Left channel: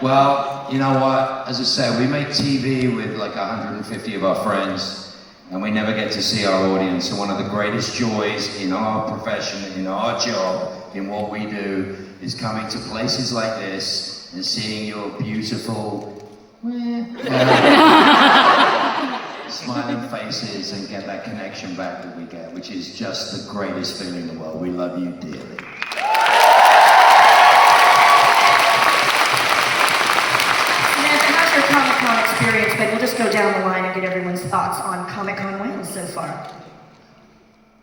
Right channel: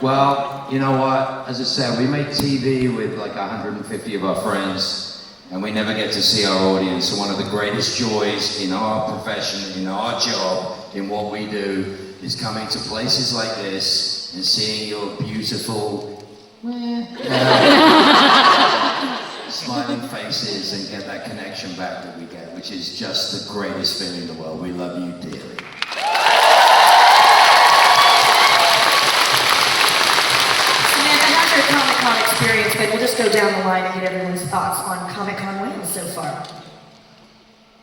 Well, you know what? As I said, we make TV with like 150 of our friends, and we never get to see our audience. So one of the greatest joys in our profession, in our job, in what we do, is coming to places like this and seeing your beautiful, smiling faces and get that connection back that we get, which is just the greatest feeling in the world. We love you dearly. Samantha, how's your Comic-Con experience been? We'll just go down the line and get everyone's thoughts on Comic-Con wins so far.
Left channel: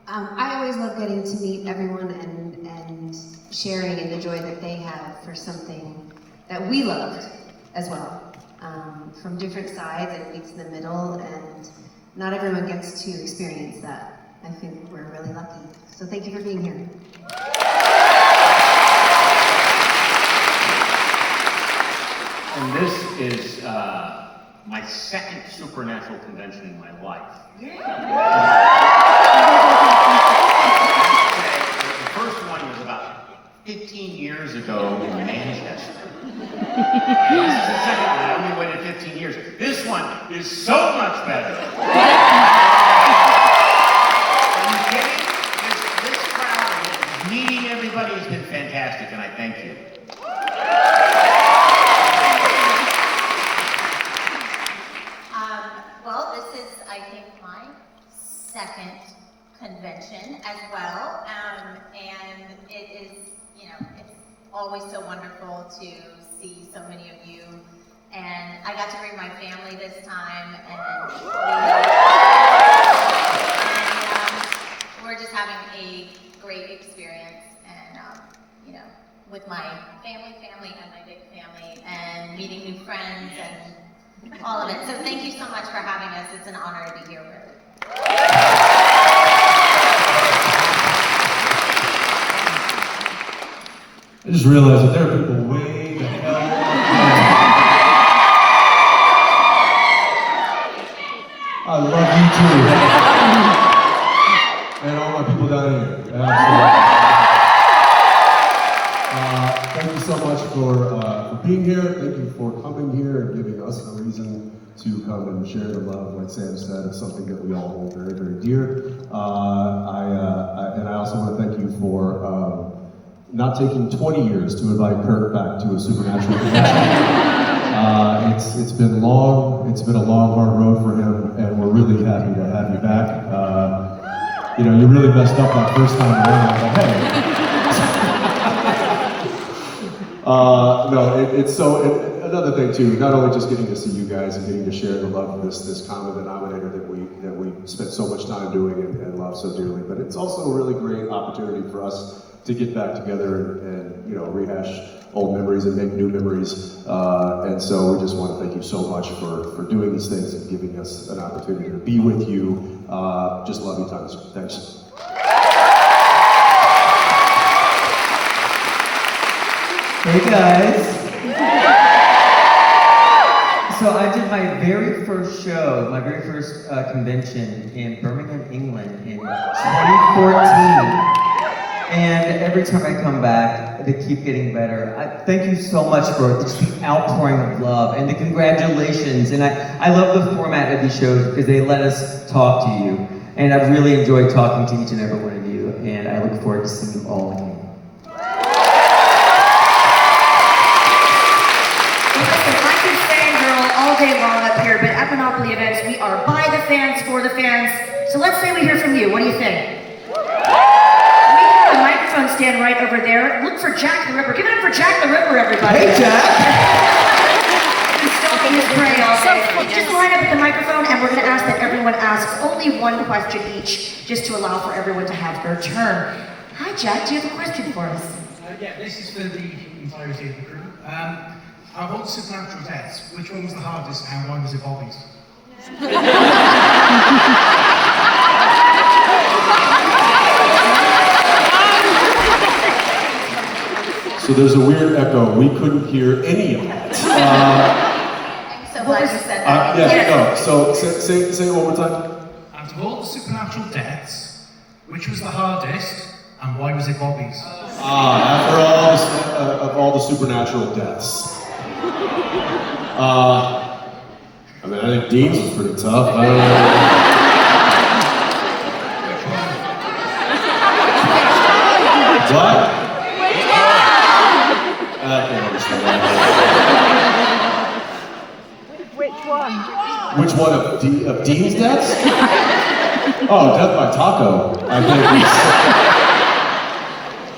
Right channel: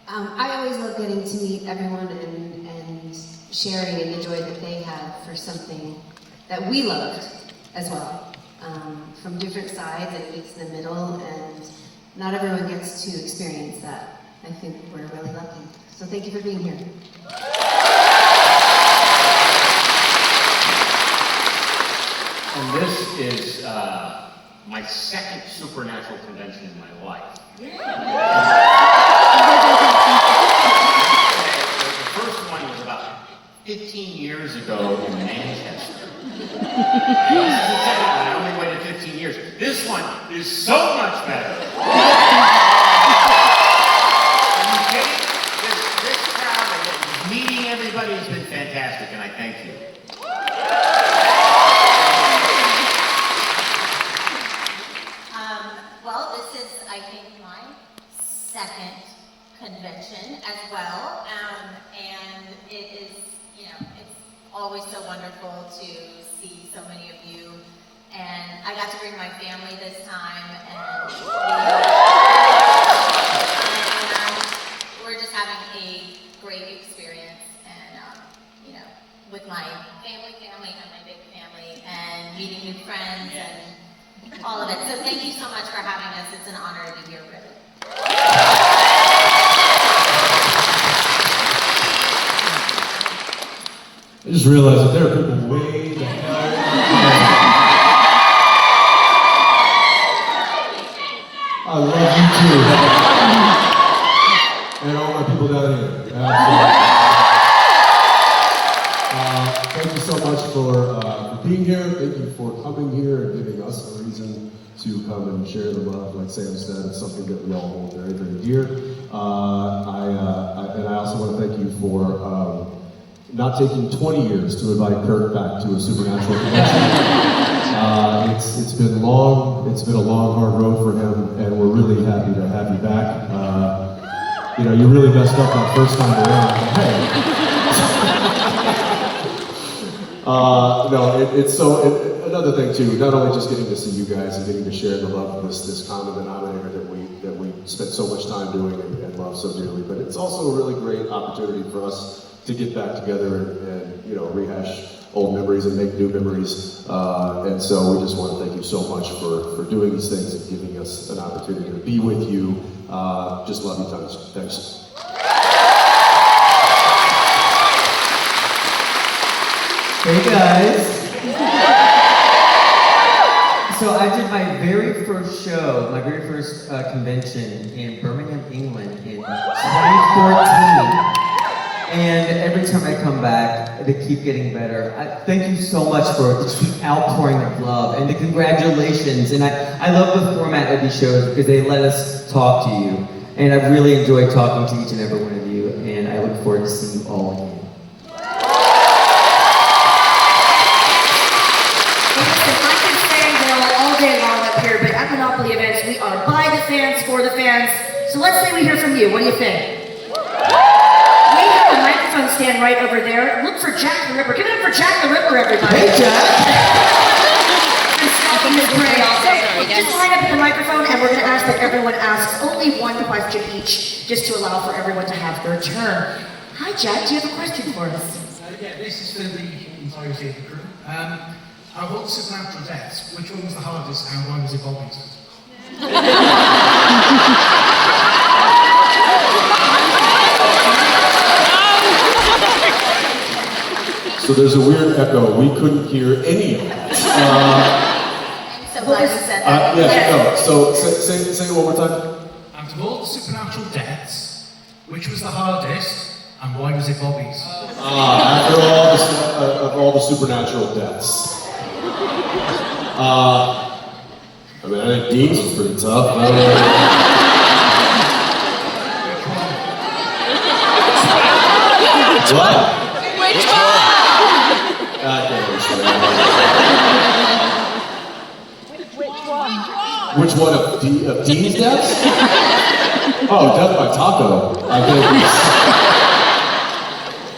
I always love getting to meet everyone and sharing in the joy that they have for something that we loved as well. From different sides and meets in the middle, and not everyone gets to experience that. I think we're really lucky. So thank you for being here. And this is my second supernatural convention in my life. The first one was about 15 years ago in Manchester. This is the second one. I only waited 15 years. This one is so much better. And getting this crowd and meeting everybody has been fantastic, and I thank you. Well, this is, I think, my second convention as well, and it is, it's always so wonderful to see so many of you, and I got to bring my family this time, and we're just having a great experience, and with my family and my big family, and meeting new friends, and all of it. So thank you so much for having us. It's an honor to be here with you. I just realized that there are people way the hell. I love you too. And all my people down here. Thank you so much for being here. Thank you for coming here and giving us a reason to come and share the love. Like Sam said, it's something that we all hold very, very dear. And I also want to thank you for not taking 20 years to invite Kirk back to a supernatural convention. It's been long. It's been a long, hard road for him, and we're really happy to have you back. You really messed up that first time around. Another thing too, not only just getting to see you guys and getting to share the love of this common denominator that we spent so much time doing and love so dearly, but it's also a really great opportunity for us to get back together and rehash old memories and make new memories. And so we just want to thank you so much for doing these things and giving us an opportunity to be with you. Just love you tons. Thanks. Hey guys. So I did my very first show, my very first convention in Birmingham, England in 2014. And every time I come back, they keep getting better. Thank you so much for just the outpouring of love and the congratulations. And I love the format of these shows because they let us talk to you. And I've really enjoyed talking to each and every one of you. And I look forward to seeing you all again. I can say all day long up here, but at Monopoly events, we are by the fans, for the fans. So let's say we hear from you. What do you think? Stand right over there. Look for Jack the Ripper. Give it up for Jack the Ripper, everybody. Hey, Jack! Just line up at the microphone, and we're going to ask that everyone asks only one question each, just to allow for everyone to have their turn. Hi, Jack. Do you have a question for us? Yeah, this is for the entirety of the crew. I want supernatural deaths. Which one was the hardest, and why was it Bobby's? So there's a weird echo. We couldn't hear any of that. So glad you said that. So say it one more time. And of all the supernatural deaths, which was the hardest, and why was it Bobby's? After all the supernatural deaths. I mean, I think Dean's was pretty tough. What? Which one? I can't understand that. Which one? Which one of Dean's deaths? Oh, death by taco. I think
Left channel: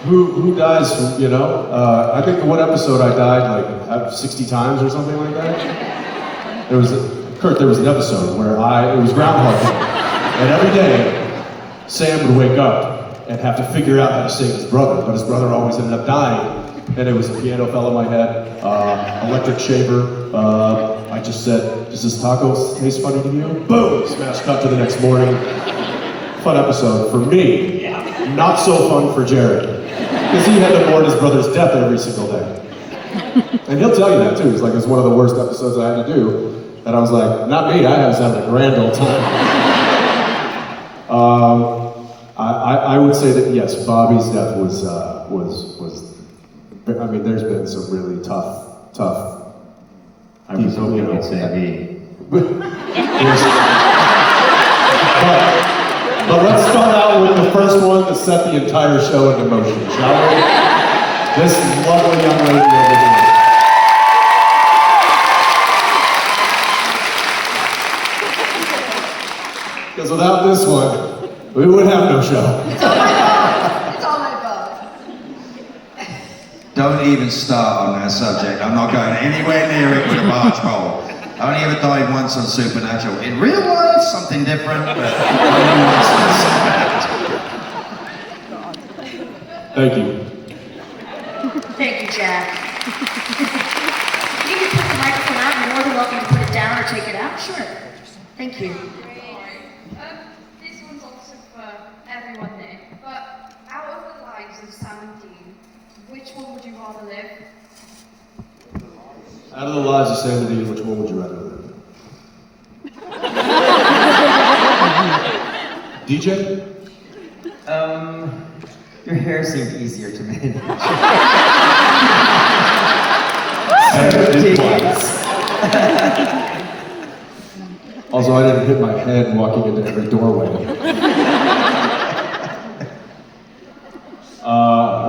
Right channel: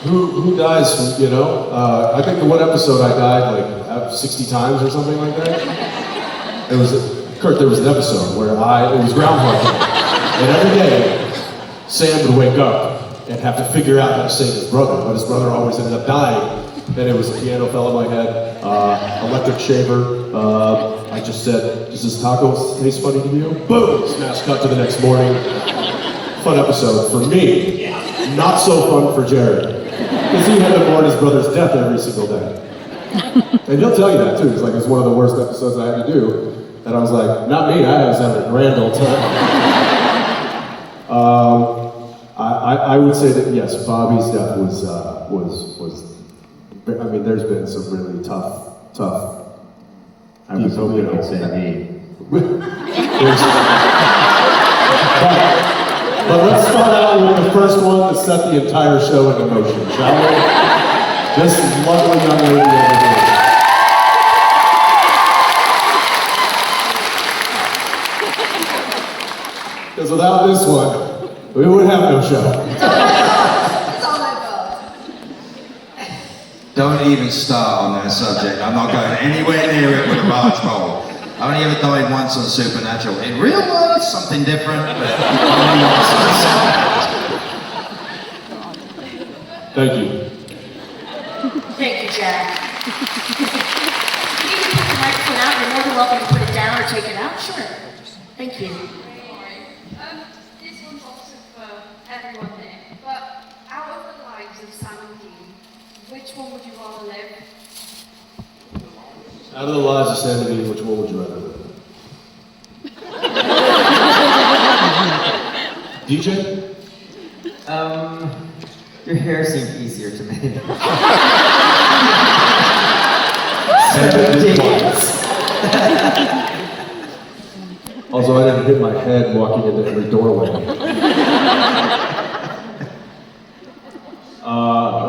who dies, you know? I think the one episode I died like 60 times or something like that. There was an episode where it was Groundhog Day, and every day Sam would wake up and have to figure out how to save his brother, but his brother always ended up dying, and it was a piano fell in my head, electric shaver, I just said, does this taco taste funny to you? Boom! Smash cut to the next morning. Fun episode for me, not so fun for Jared, because he had to mourn his brother's death every single day. And he'll tell you that too. It's one of the worst episodes I had to do. And I was like, not me, I was having a grand old time. I would say that yes, Bobby's death was, I mean, there's been some really tough. I was hoping you'd say me. But let's start out with the first one to set the entire show in motion, shall we? This lovely young lady over here. Because without this one, we would have no show. It's all my fault. Don't even start on that subject. I'm not going anywhere near it with a barge pole. I only ever died once on Supernatural. In real life, something different. But only once on Supernatural. Thank you. Thank you, Jack. You can put the microphone out. You're more than welcome to put it down or take it out. Sure. Thank you. This one's also for everyone here, but out of the lives of Sam and Dean, which one would you rather live? Out of the lives of Sam and Dean, which one would you rather live? DJ? Your hair seemed easier to me. Also, I didn't hit my head walking into every doorway. I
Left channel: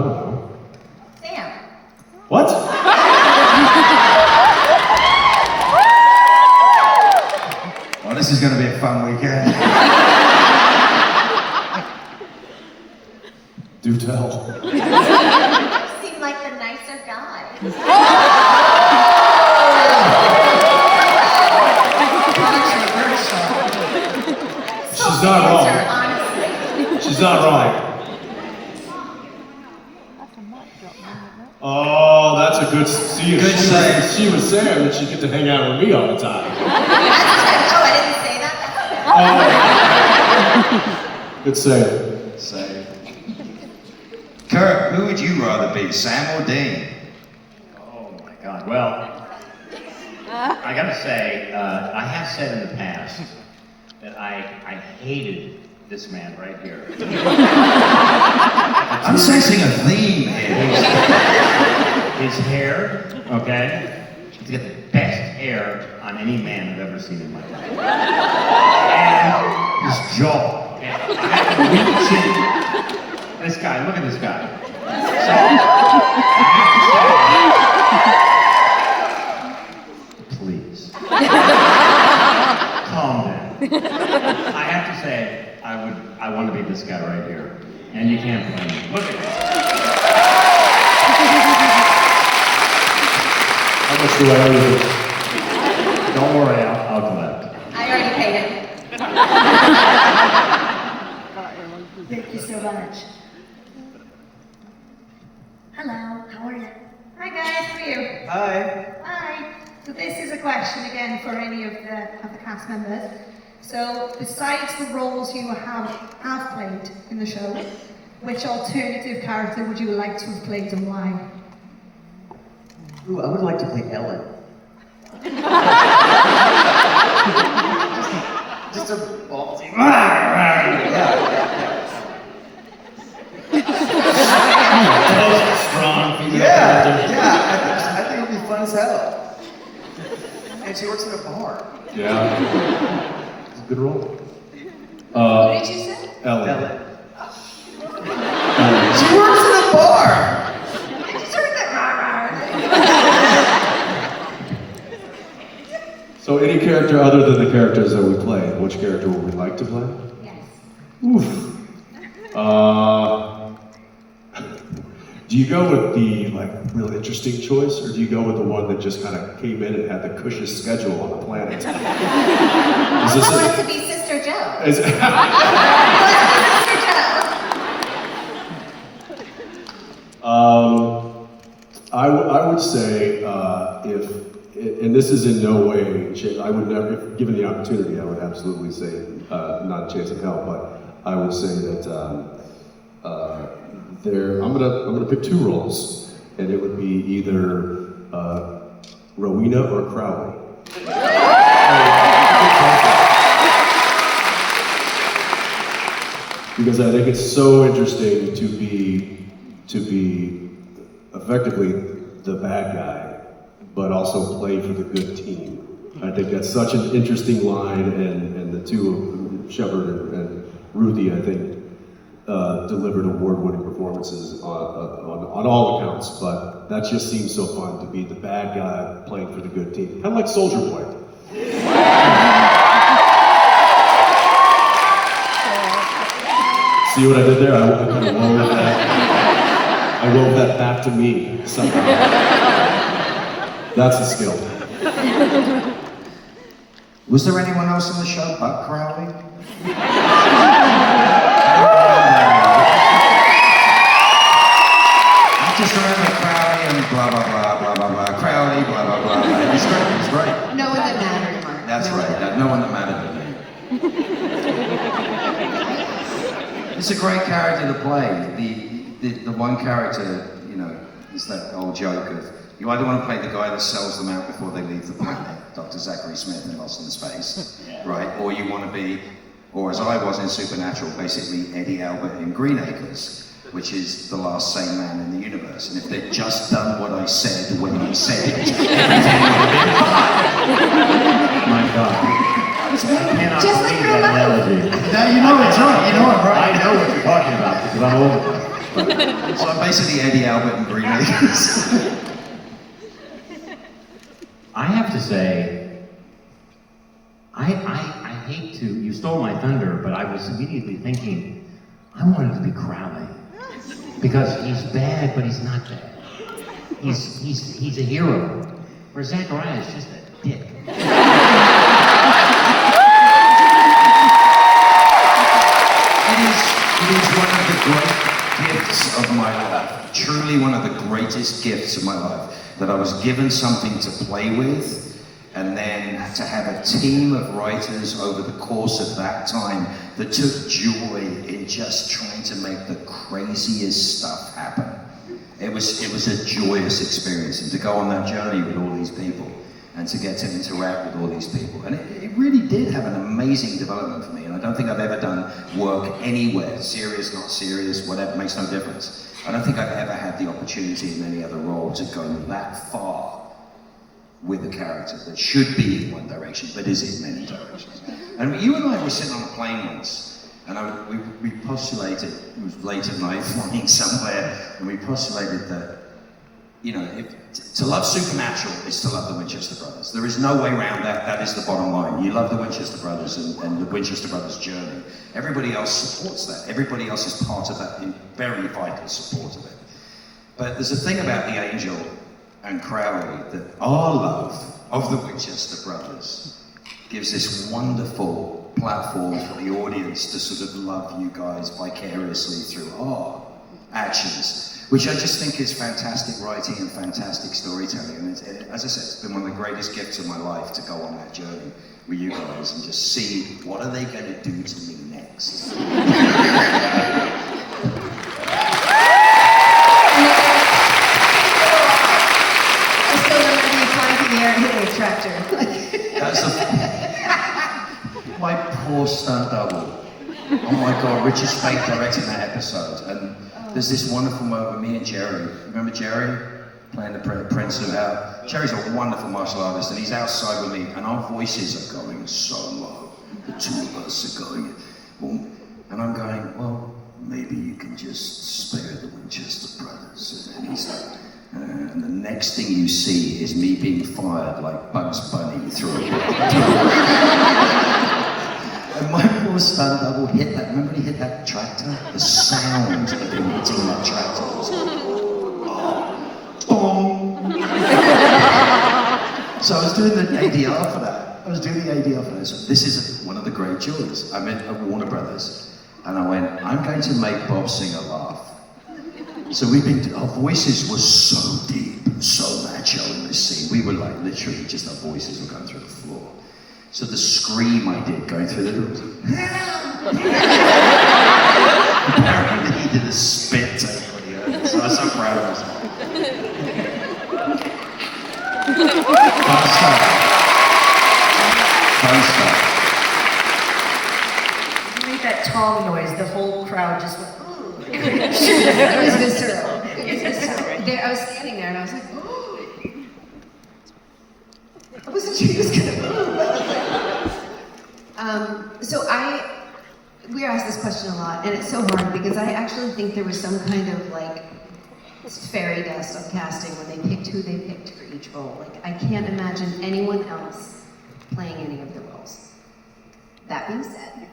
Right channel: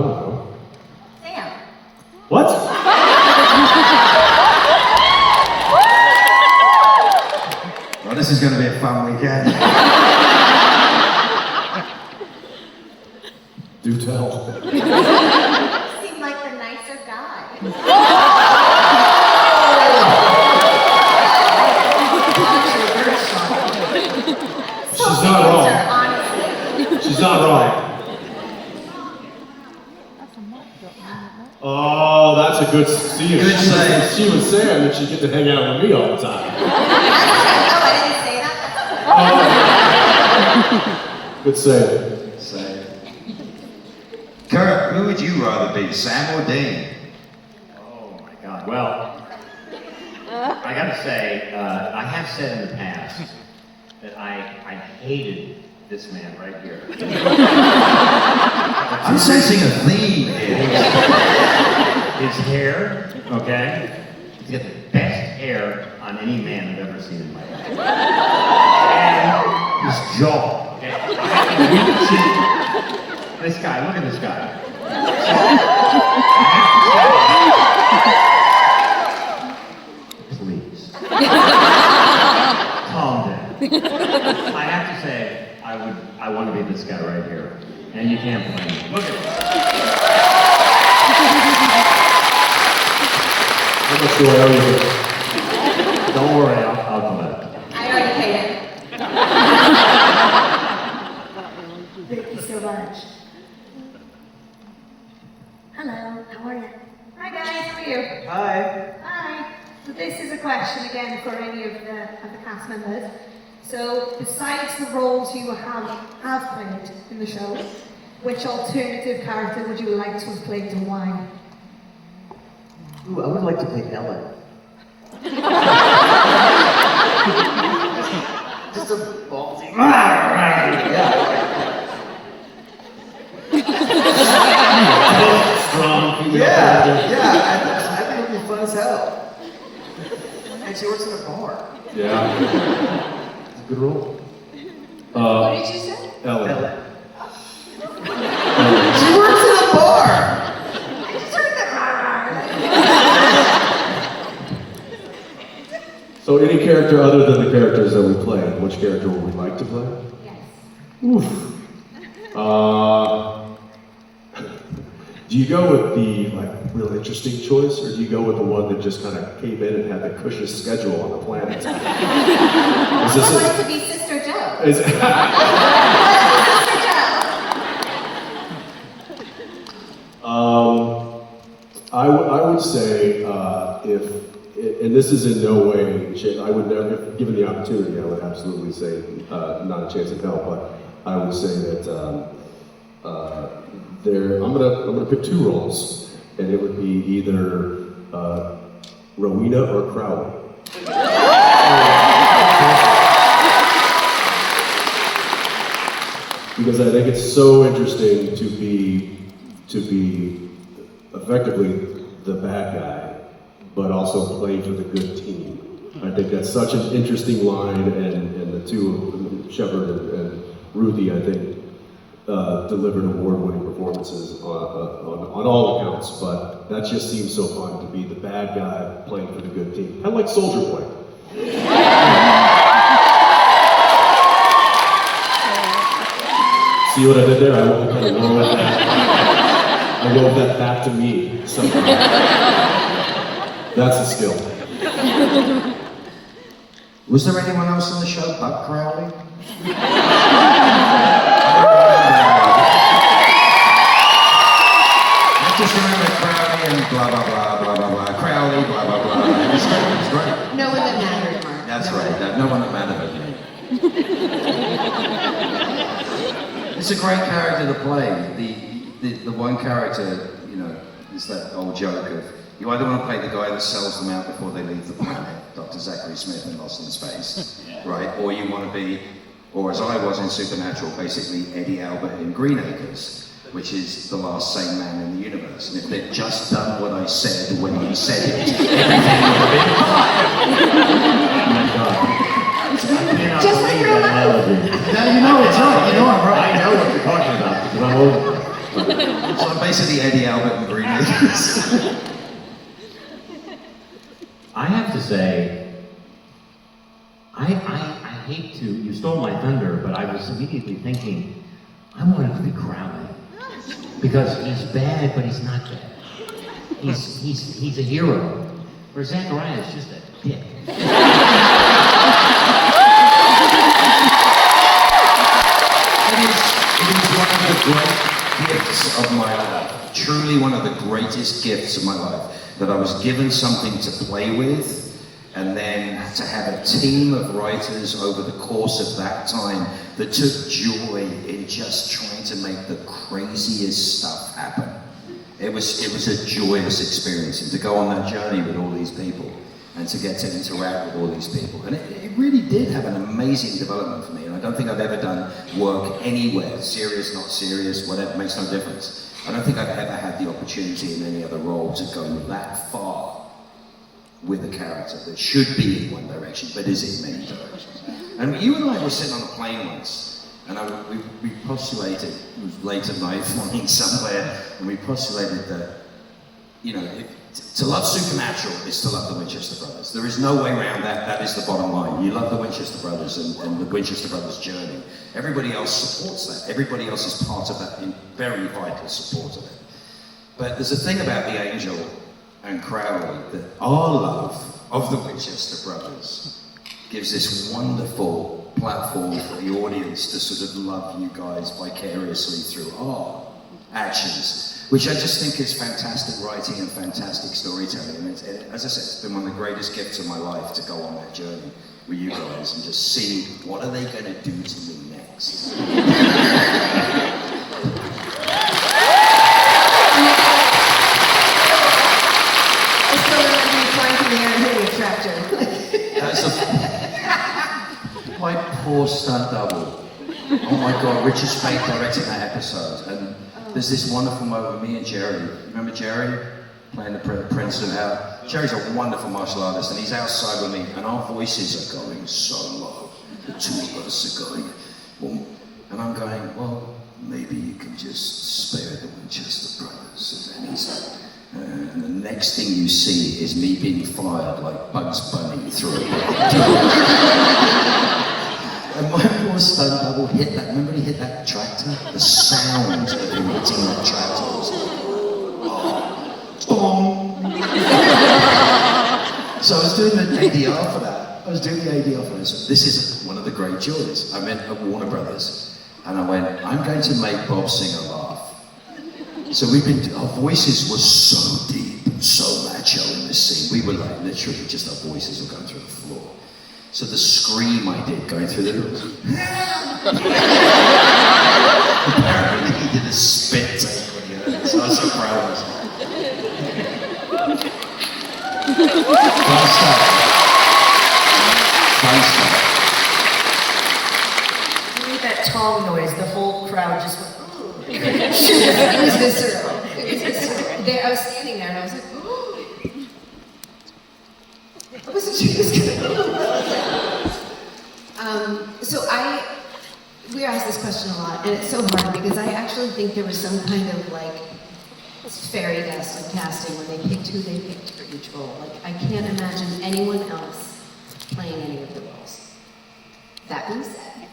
don't know. Sam. What? Well, this is going to be a fun weekend. Do tell. Seemed like the nicer guy. She's not wrong. She's not wrong. Oh, that's a good. See, Good save. she was saying that she get to hang out with me all the time. Oh, I didn't say that. Good save. So, Kurt, who would you rather be, Sam or Dean? Oh my God. Well, I gotta say, I have said in the past that I hated this man right here. I'm sensing a theme here. His hair, okay? He's got the best hair on any man I've ever seen in my life. And his jaw. Okay? I have to reach in. This guy, look at this guy. So, please. Calm down. I have to say, I want to be this guy right here. And you can't blame me. Look at this. How much do I owe you? Don't worry, I'll collect. I already paid him. Thank you so much. Hello, how are you? Hi guys, how are you? Hi. Hi. So this is a question again for any of the cast members. So besides the roles you have played in the show, which alternative character would you like to have played and why? Ooh, I would like to play Ellen. Just a ballsy. Strong. Yeah, I think it'd be fun as hell. And she works in a bar. Yeah. It's a good role. What did you say? Ellen. She works in a bar! So any character other than the characters that we play, which character would we like to play? Yes. Oof. Do you go with the real interesting choice, or do you go with the one that just kind of came in and had the cushioned schedule on the planet? I want it to be Sister Joe. Is Sister Joe. I would say if, and this is in no way, I would never, if given the opportunity, I would absolutely say not a chance in hell, but I would say that I'm gonna pick two roles, and it would be either Rowena or Crowley. Because I think it's so interesting to be effectively the bad guy, but also play for the good team. I think that's such an interesting line, and the two, Sheppard and Ruthie, I think, delivered award-winning performances on all accounts, but that just seems so fun to be the bad guy playing for the good team. Kind of like Soldier Boy. See what I did there? I kind of wove that back to me somehow. That's a skill. Was there anyone else on the show but Crowley? I just remember Crowley and blah blah blah blah blah blah. Crowley, blah blah blah. It was great. No one that mattered, Mark. That's right. No one that mattered. It's a great character to play. The one character, you know, is that old joke of you either want to play the guy that sells them out before they leave the planet, Dr. Zachary Smith in Lost in Space, right? Or you want to be, or as I was in Supernatural, basically Eddie Albert in Green Acres, which is the last sane man in the universe. And if they'd just done what I said when he said it, everything would have been fine. I cannot believe that analogy. Now you know it's right. You know I'm right. I know what you're talking about because I'm old. So I'm basically Eddie Albert in Green Acres. I have to say, I hate to, you stole my thunder, but I was immediately thinking, I wanted to be Crowley. Because he's bad, but he's not bad. He's a hero. Where Zachariah is just a dick. It is one of the great gifts of my life. Truly one of the greatest gifts of my life. That I was given something to play with, and then to have a team of writers over the course of that time that took joy in just trying to make the craziest stuff happen. It was a joyous experience, and to go on that journey with all these people, and to get to interact with all these people. And it really did have an amazing development for me, and I don't think I've ever done work anywhere, serious, not serious, whatever, makes no difference. I don't think I've ever had the opportunity in any other role to go that far with a character that should be in one direction, but is in many directions. And you and I were sitting on a plane once, and we postulated, it was late at night, flying somewhere, and we postulated that, you know, to love Supernatural is to love the Winchester Brothers. There is no way around that. That is the bottom line. You love the Winchester Brothers and the Winchester Brothers journey. Everybody else supports that. Everybody else is part of that, in very vital support of it. But there's a thing about the Angel and Crowley that our love of the Winchester Brothers gives this wonderful platform for the audience to sort of love you guys vicariously through our actions. Which I just think is fantastic writing and fantastic storytelling. I mean, as I said, it's been one of the greatest gifts of my life to go on that journey with you guys and just see what are they going to do to me next. I still remember you climbing the air and hitting a tractor. That's my poor stunt double. Oh my God, Richard Speight directing that episode. And there's this wonderful moment with me and Jerry. Remember Jerry? playing the Prince of Hell. Jerry's a wonderful martial artist, and he's outside with me, and our voices are going so low. The two of us are going, boom. And I'm going, well, maybe you can just spare the Winchester brothers. And he's like, and the next thing you see is me being fired like Bugs Bunny through a And my poor stunt double hit that, remember he hit that tractor? The sound of him hitting that tractor was like, boom. So I was doing the ADR for that. This is one of the great joys. I met at Warner Brothers, and I went, I'm going to make Bob Singer laugh. So our voices were so deep and so macho in this scene. We were like, literally, just our voices were going through the floor. So the scream I did going through the apparently he did a spit take when he heard it, so I was so proud of myself. You made that tong noise, the whole crowd just went, It was visceral. There, I was standing there and I was like, oh. I wasn't sure he was gonna. So we were asked this question a lot, and it's so hard because I actually think there was some kind of like fairy dust of casting when they picked who they picked for each role. Like I can't imagine anyone else playing any of the roles. That being said,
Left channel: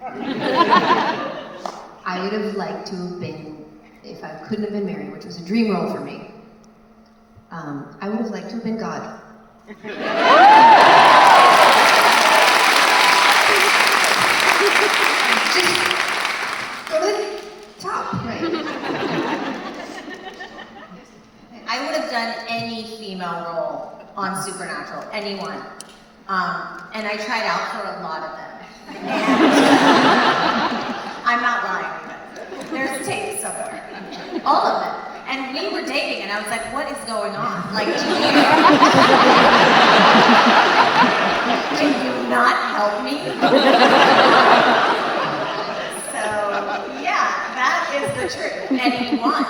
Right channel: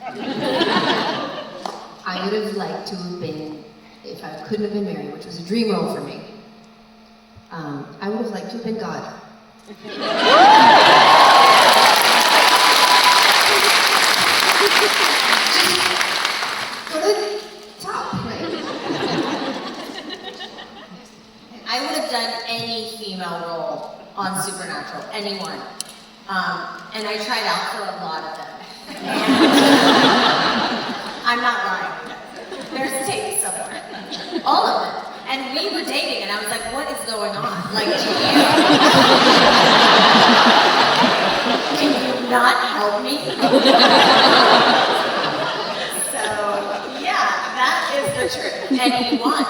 I would have liked to have been, if I couldn't have been Mary, which was a dream role for me, I would have liked to have been God. Just go to the top, right? I would have done any female role on Supernatural, anyone. And I tried out for a lot of them. And I'm not lying. There's tape somewhere. All of them. And we were dating, and I was like, what is going on? Like, can you not help me? So, yeah, that is the truth. Anyone.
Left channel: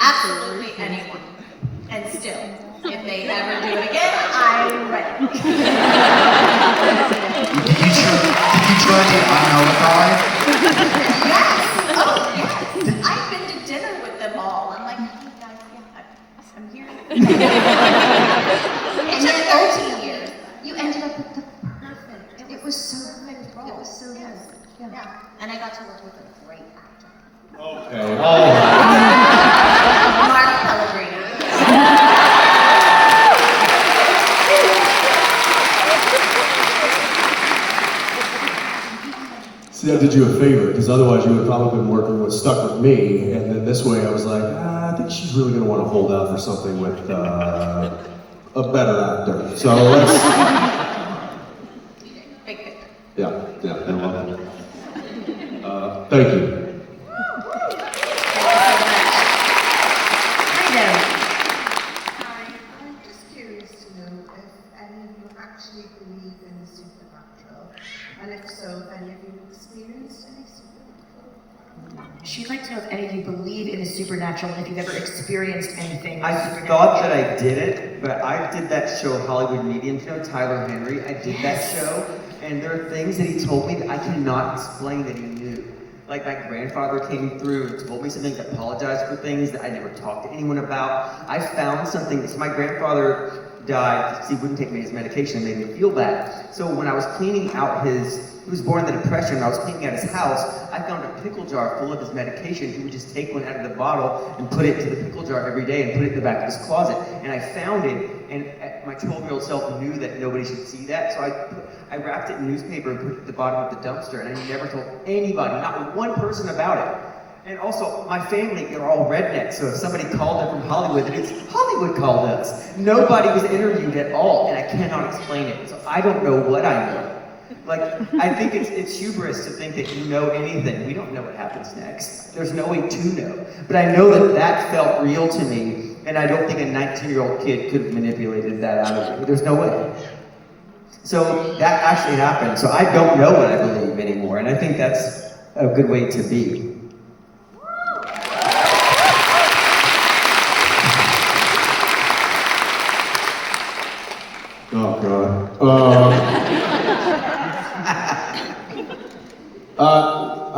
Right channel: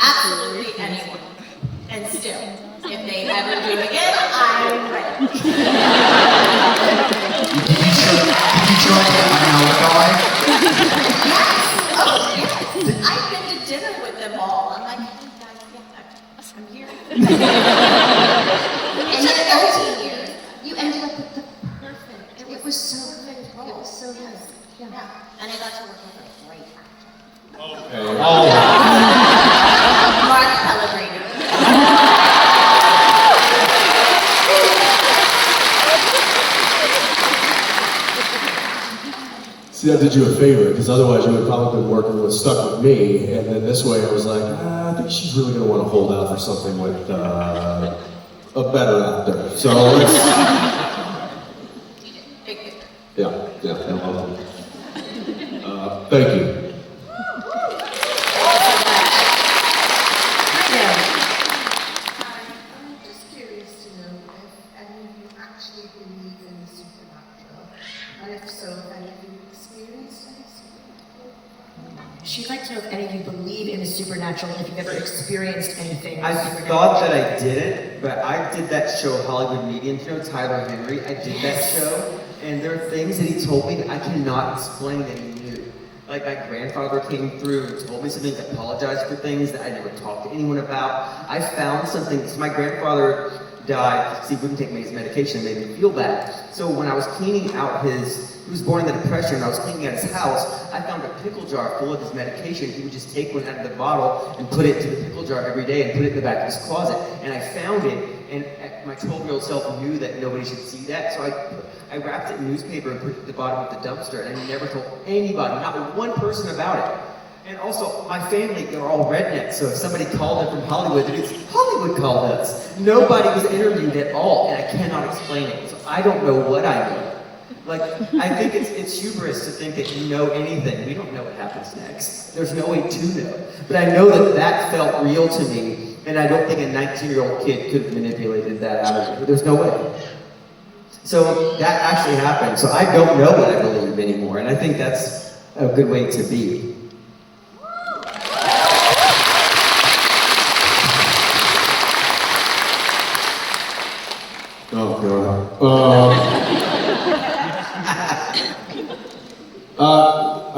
Absolutely anyone. And still, if they ever do it again, I'm ready. Did you try to alibi? Yes. Oh, yes. I've been to dinner with them all. I'm like, oh, guys, yes, I'm here. It took 13 years. You ended up with the perfect. It was so good. It was so good. Yeah. And I got to work with a great actor. Okay. Mark Pellegrini. See, that did you a favor, because otherwise you would have probably been stuck with me, and then this way I was like, I think she's really going to want to hold out for something with a better actor. So let's... Big picture. Yeah, no problem. Thank you. I'm just curious to know if any of you actually believe in the supernatural, and if so, if any of you experienced any supernatural? she'd like to know if any of you believe in the supernatural, and if you've ever experienced anything I supernatural. thought that I did it, but I did that show, Hollywood Medium Show, Tyler Henry. I did that show, and there are things that he told me that I cannot explain that he knew. Like my grandfather came through and told me some things, apologized for things that I never talked to anyone about. I found something, so my grandfather died because he wouldn't take me his medication, it made me feel bad. So when I was cleaning out he was born in the Depression, I was cleaning out his house, I found a pickle jar full of his medication. He would just take one out of the bottle and put it to the pickle jar every day and put it in the back of his closet. And I found it, and my 12-year-old self knew that nobody should see that, so I wrapped it in newspaper and put it at the bottom of the dumpster, and I never told anybody, not one person about it. And also, my family, they're all rednecks, so if somebody called in from Hollywood, it's Hollywood called us. Nobody was interviewed at all, and I cannot explain it. So I don't know what I know. Like, I think it's hubris to think that you know anything. We don't know what happens next. There's no way to know. But I know that felt real to me, and I don't think a 19-year-old kid could have manipulated that out of me. There's no way. So that actually happened. So I don't know what I believe anymore, and I think that's a good way to be. Oh God.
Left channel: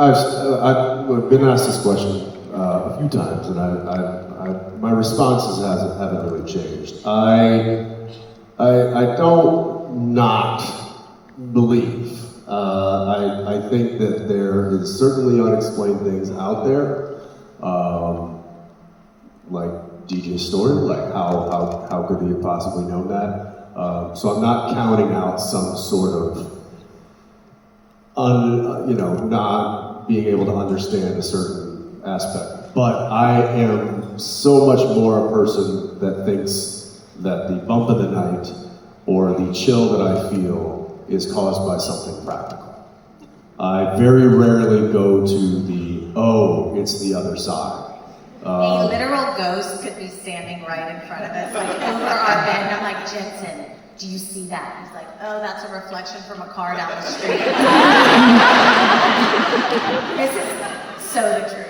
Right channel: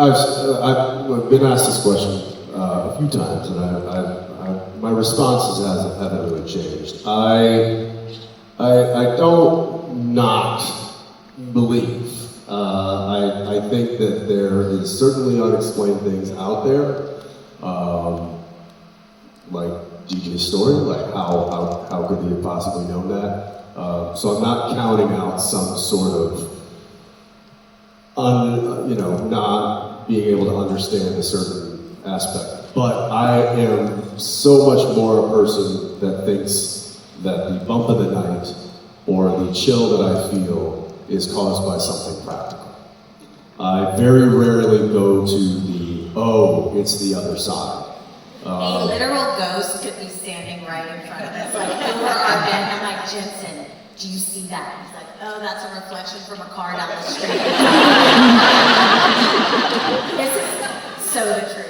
I've been asked this question a few times, and my responses haven't really changed. I don't not believe. I think that there is certainly unexplained things out there, like DJ Storm, like how could they have possibly known that? So I'm not counting out some sort of not being able to understand a certain aspect. But I am so much more a person that thinks that the bump of the night or the chill that I feel is caused by something practical. I very rarely go to the, oh, it's the other side. A literal ghost could be standing right in front of us, like over our bed, and I'm like, Jensen, do you see that? He's like, oh, that's a reflection from a car down the street. This is so the truth.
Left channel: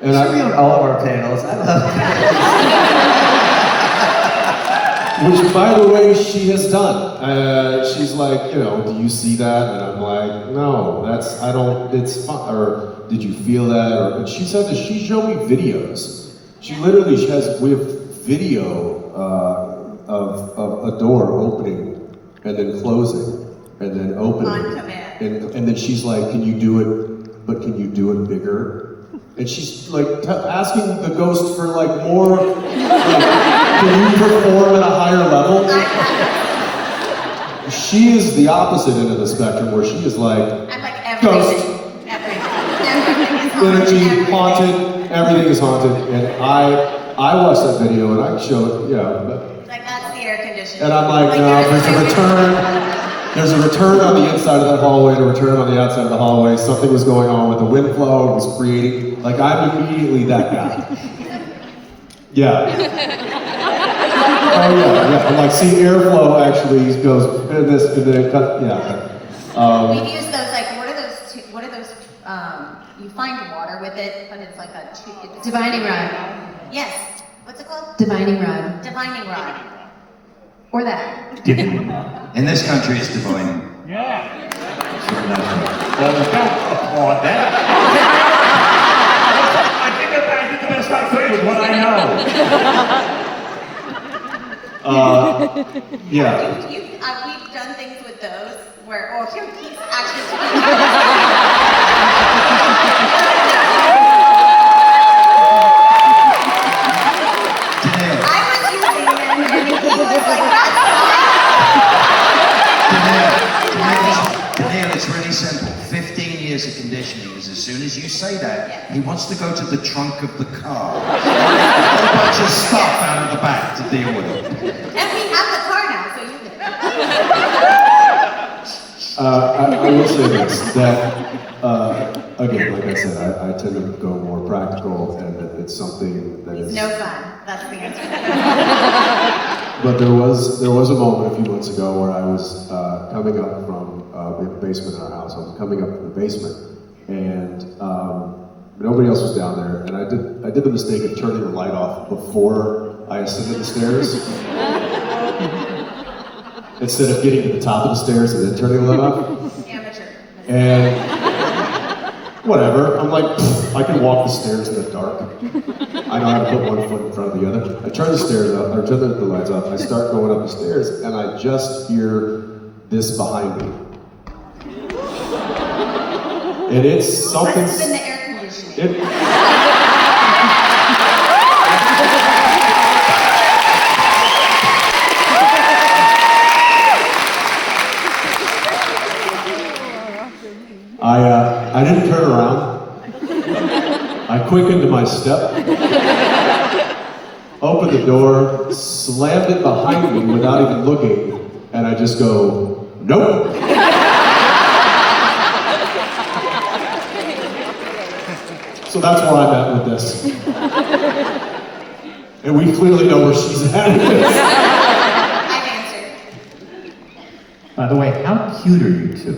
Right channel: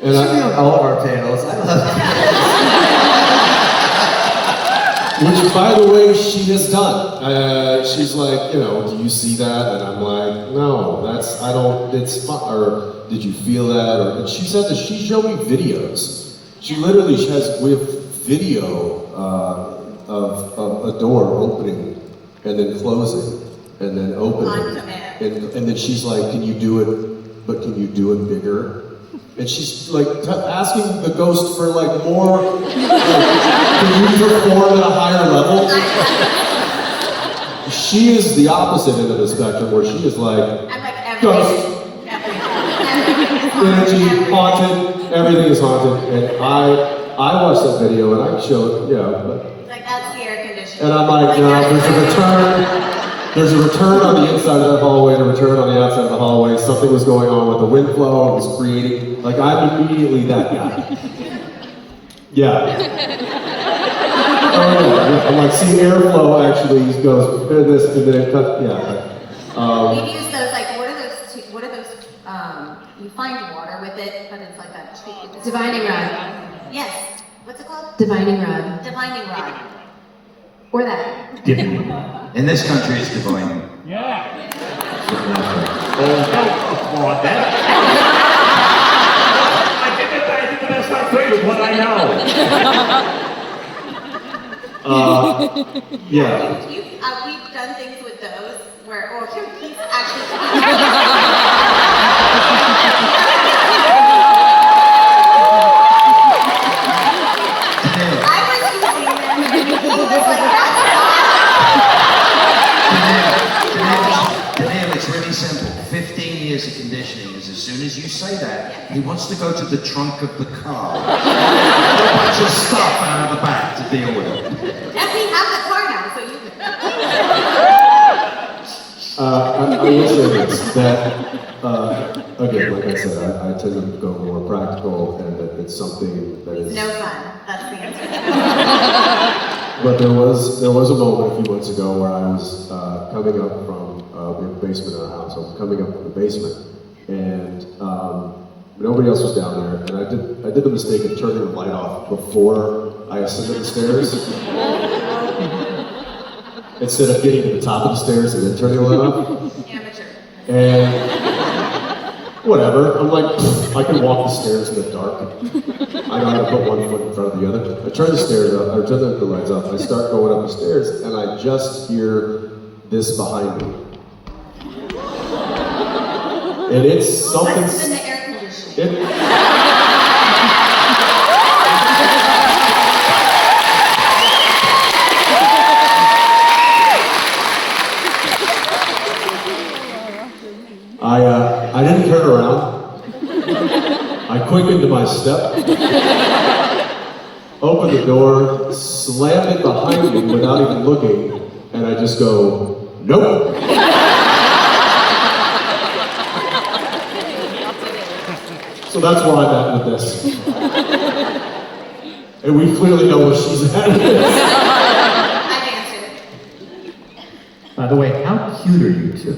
It should be on all of our panels. I love Which, by the way, she has done. She's like, do you see that? And I'm like, no, it's fun. Or did you feel that? And she said that she showed me videos. She literally has with video of a door opening and then closing and then opening. And then she's like, can you do it, but can you do it bigger? And she's like asking the ghost for like more, can you perform at a higher level? She is the opposite end of the spectrum where she is like, I'm like, everything, ghost, energy, haunted, everything is haunted. And I watched that video and I showed, like that's the air conditioning. and I'm like, no, there's a return on the inside of that hallway and a return on the outside of the hallway. Something was going on with the wind flow, it was creating, like I'm immediately that guy. Yeah. Oh yeah. I'm like, see, airflow actually goes this and then it cuts, We use those, like, what are those, you find water with it, but it's like a treat. Divining rod. Yes, what's it called? Divining rod. Divining rod. Or that. In this country, it's divine. Yeah. Don't applaud that. I think that's not French, but I know. Yeah. We've done things with those where, he's actually I was using them and he was like, Danneel, it's really simple. 15 years of conditioning is as soon as you say that, he wants to go to the trunk of the car. Just stuff out of the back to deal with it. and we have the car now, so you can. I will say this, that, again, like I said, I tend to go more practical and that it's something that is... No fun, that's the answer. But there was a moment a few months ago where I was coming up from, we have a basement in our house, I was coming up from the basement, and nobody else was down there, and I did the mistake of turning the light off before I ascended the stairs. Instead of getting to the top of the stairs and then turning the light off. Amateur. And whatever, I'm like, I can walk the stairs in the dark. I know how to put one foot in front of the other. I turn the stairs up, I turn the lights off, I start going up the stairs, and I just hear this behind me. And it's something... It's in the air conditioning. I didn't turn around. I quickened my step, opened the door, slammed it behind me without even looking, and I just go, nope. So that's where I'm at with this. And we clearly know where she's at with this. I've answered. By the way, how cute are you two?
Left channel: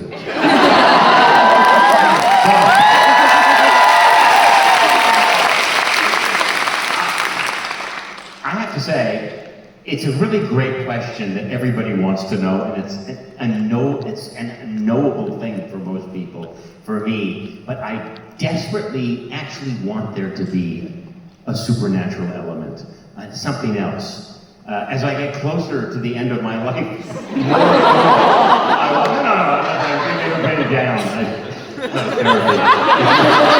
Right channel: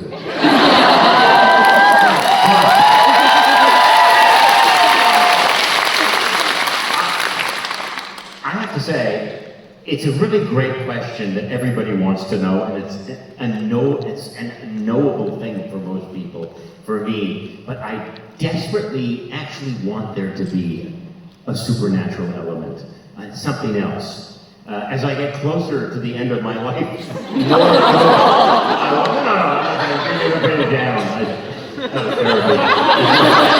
I have to say, It's a really great question that everybody wants to know, and it's a knowable thing for most people, for me, but I desperately actually want there to be a supernatural element, something else. As I get closer to the end of my life, I'm not going to bring everybody down. That's terrible.